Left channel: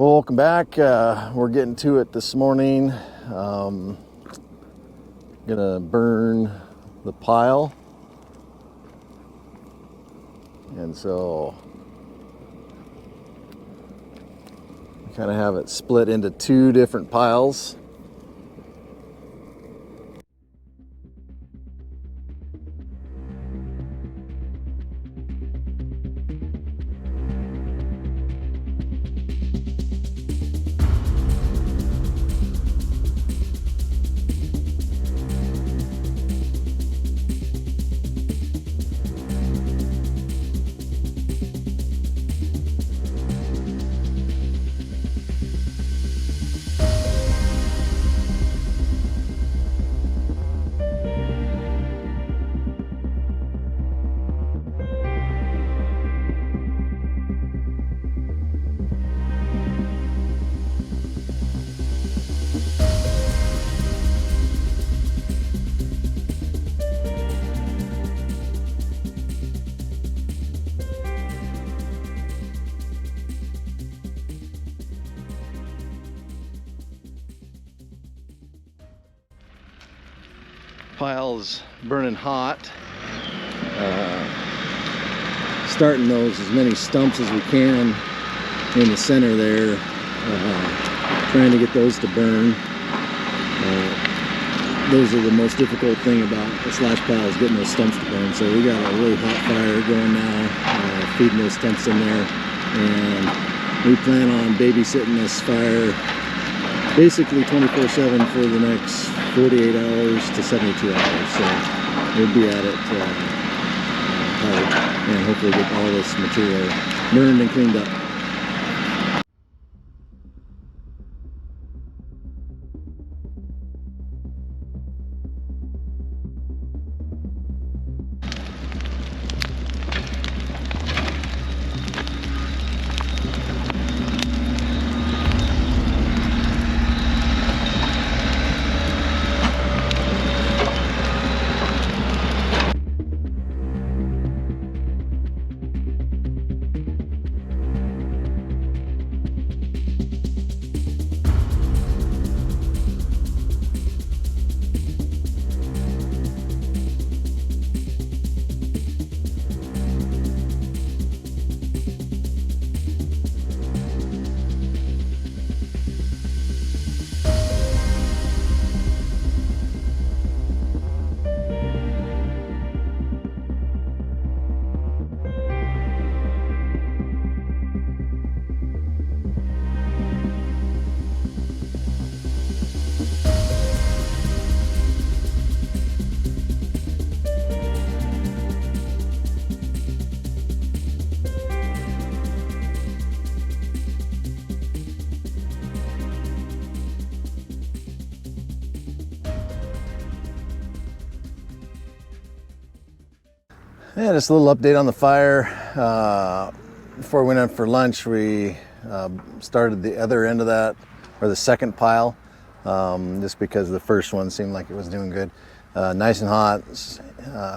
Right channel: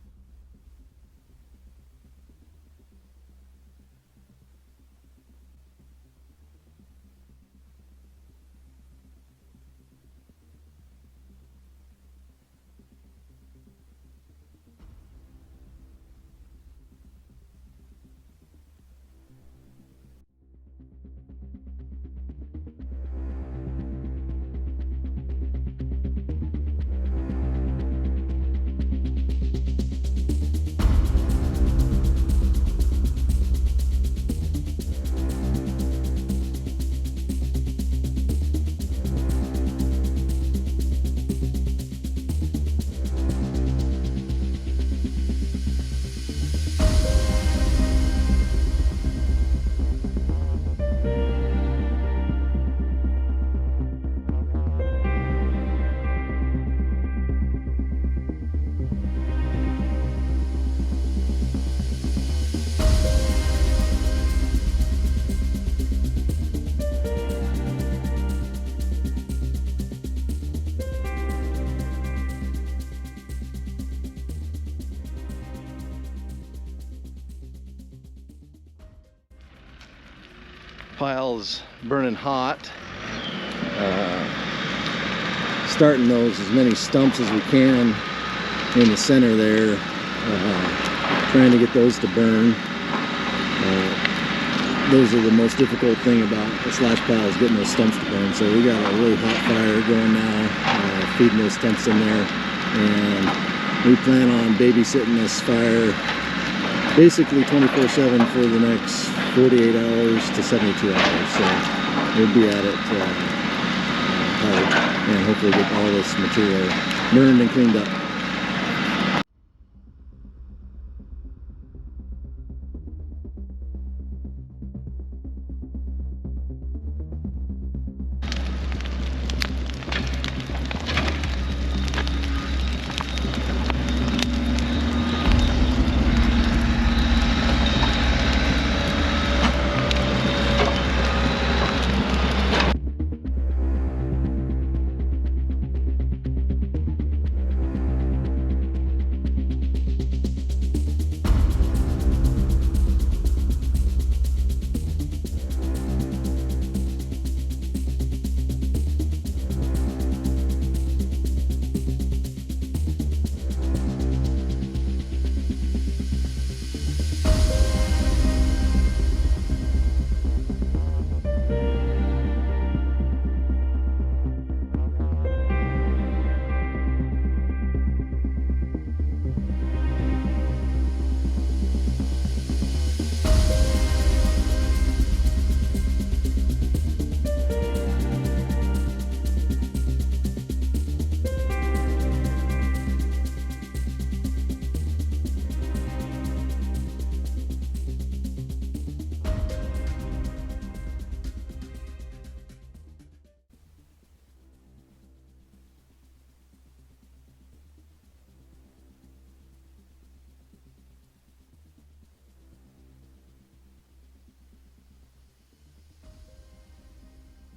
Well, welcome back. We're getting to it this morning. Gonna burn the pile, and so we kind of have it split into two different piles. Pile's burning hot. Starting those as many stumps as we can in the center there. Trying to get those to burn. Those are the most difficult thing about the slash pile, is getting those stumps to burn. So we got a really hot fire going now, feeding those stumps in there, and we plan on babysitting this fire basically 24/7 for the next 48 hours to 72 hours. So we'll be at it hard, and hopefully get all this material burned and cleaned up. Yeah, just a little update on the fire. Before we went out for lunch, we started the other end of that, or the second pile, just because the first one seemed like it was doing good. Nice and hot,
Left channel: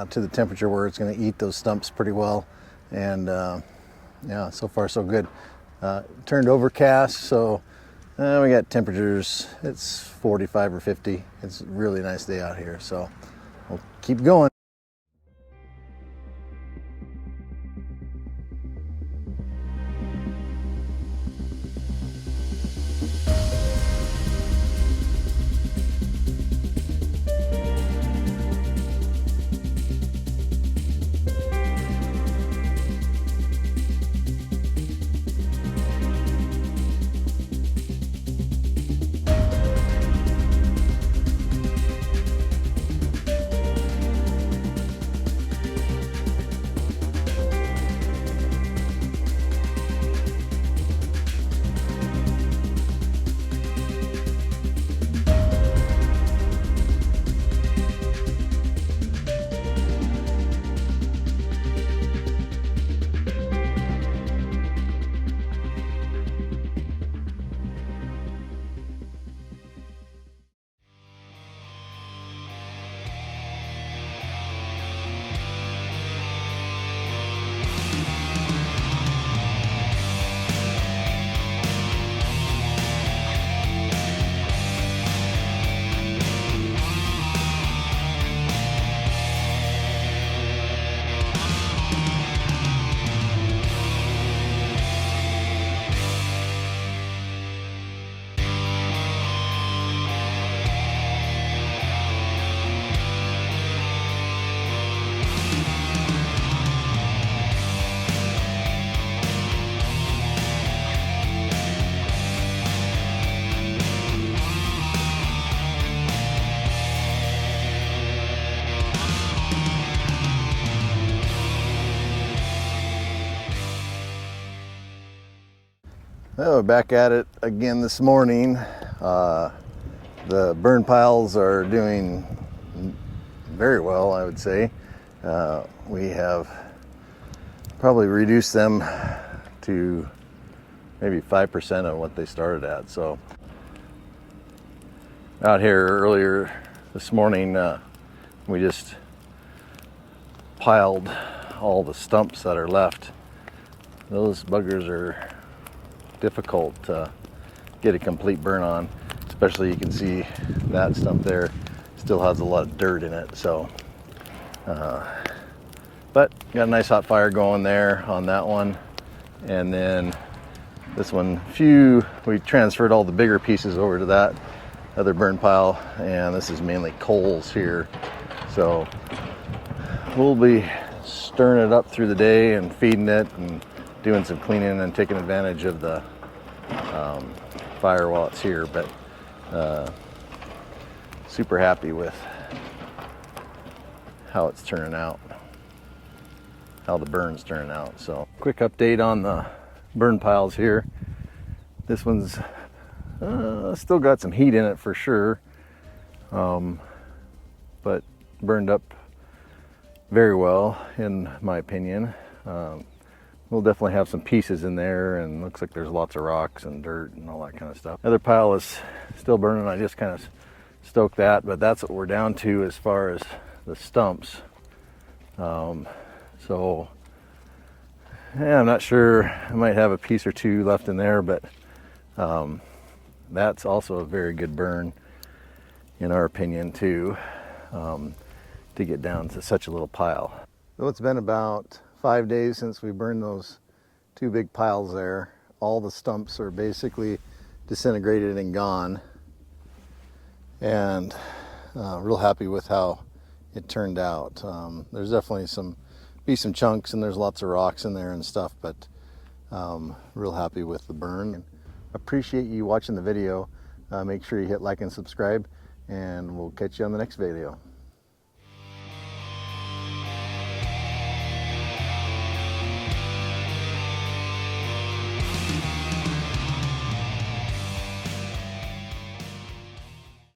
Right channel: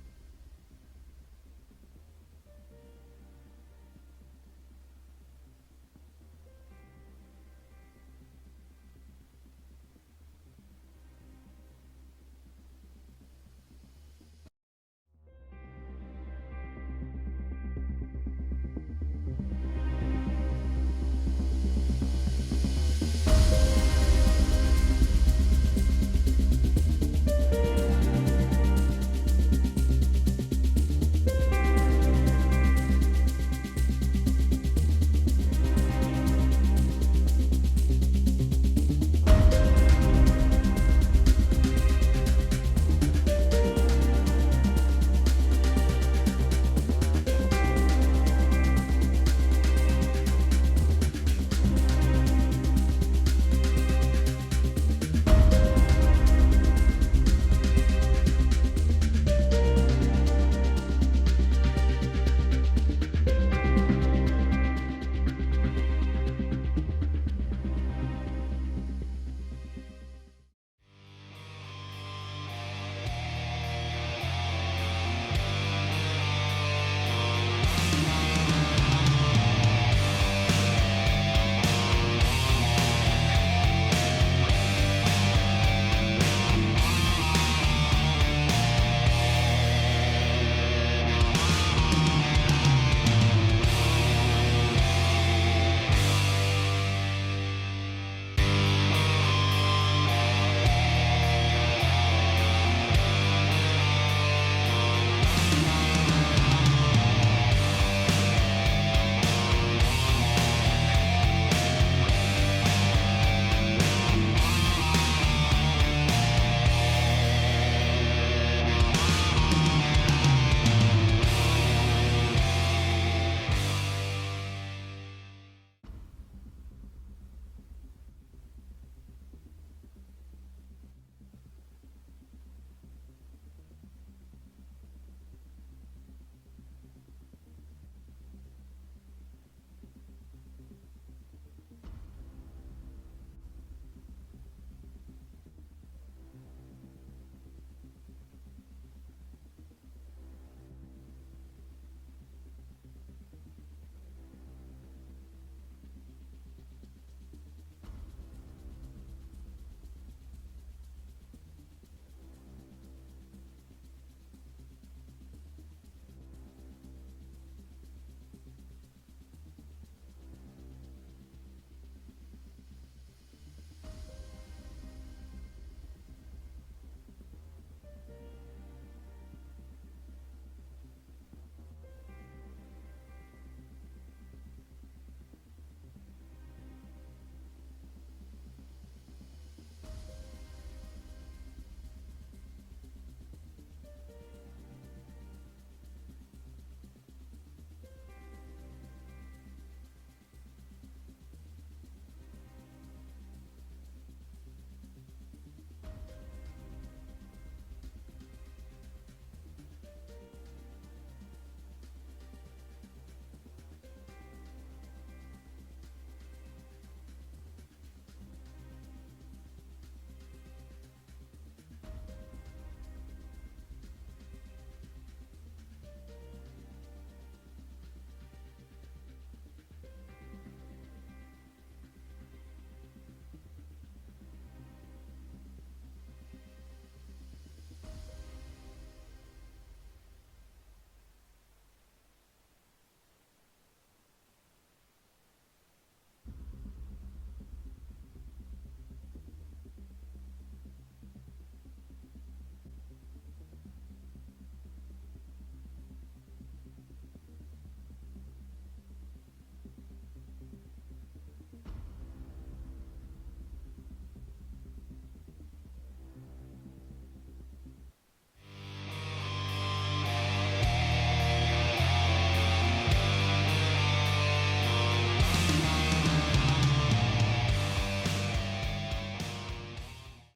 to the temperature where it's going to eat those stumps pretty well. And yeah, so far so good. Turned overcast, so we got temperatures, it's 45 or 50. It's a really nice day out here, so we'll keep going. Well, we're back at it again this morning. The burn piles are doing very well, I would say. We have probably reduced them to maybe 5% of what they started at. So out here earlier this morning, we just piled all the stumps that are left. Those buggers are difficult to get a complete burn on, especially you can see that stump there still has a lot of dirt in it. So but got a nice hot fire going there on that one. And then this one, we transferred all the bigger pieces over to that other burn pile, and this is mainly coals here. So we'll be stirring it up through the day and feeding it and doing some cleaning and taking advantage of the fire while it's here. But super happy with how it's turning out, how the burn's turning out. So quick update on the burn piles here. This one's still got some heat in it for sure, but burned up very well in my opinion. We'll definitely have some pieces in there, and looks like there's lots of rocks and dirt and all that kind of stuff. Other pile is still burning. I just kind of stoked that, but that's what we're down to as far as the stumps. So yeah, I'm not sure. I might have a piece or two left in there, but that's also a very good burn in our opinion too, to get down to such a little pile. So it's been about 5 days since we burned those two big piles there. All the stumps are basically disintegrated and gone, and real happy with how it turned out. There's definitely some chunks, and there's lots of rocks in there and stuff, but real happy with the burn. Appreciate you watching the video. Make sure you hit like and subscribe, and we'll catch you on the next video.